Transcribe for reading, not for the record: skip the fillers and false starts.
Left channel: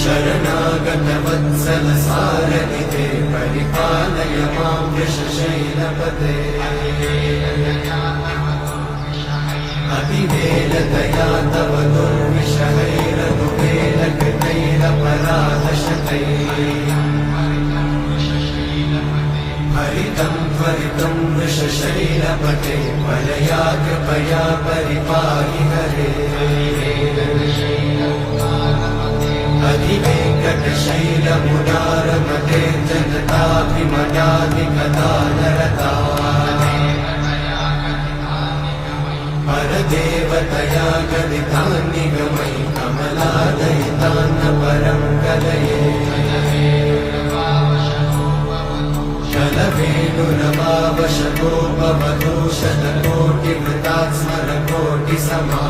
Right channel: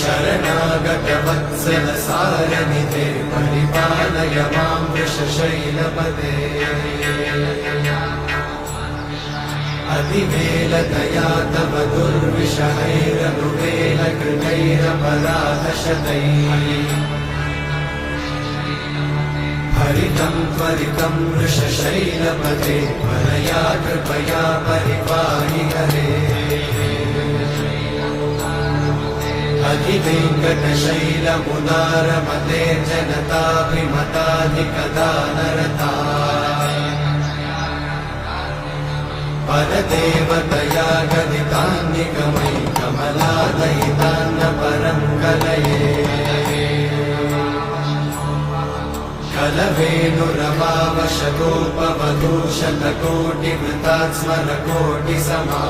शरणागतवत्सल सारनिधे परिपालय मां वृषशैलपदे अतिवेलदया तव दुर्विषहैरनुवेलकृतैरपराधशतैः हरितं त्वरितं वृषशैलपदे त्वरया कृपया परिपाहि हरे अधिवेङ्कटशैलमुदारमते जनताभिमतादिकदानरता परदेवतया गदितान्निगमयि कमलादयितान्न परं कलये कलवेणुरमावशतोपवधू शतकोटिवृतात्स्मरकोटिसमा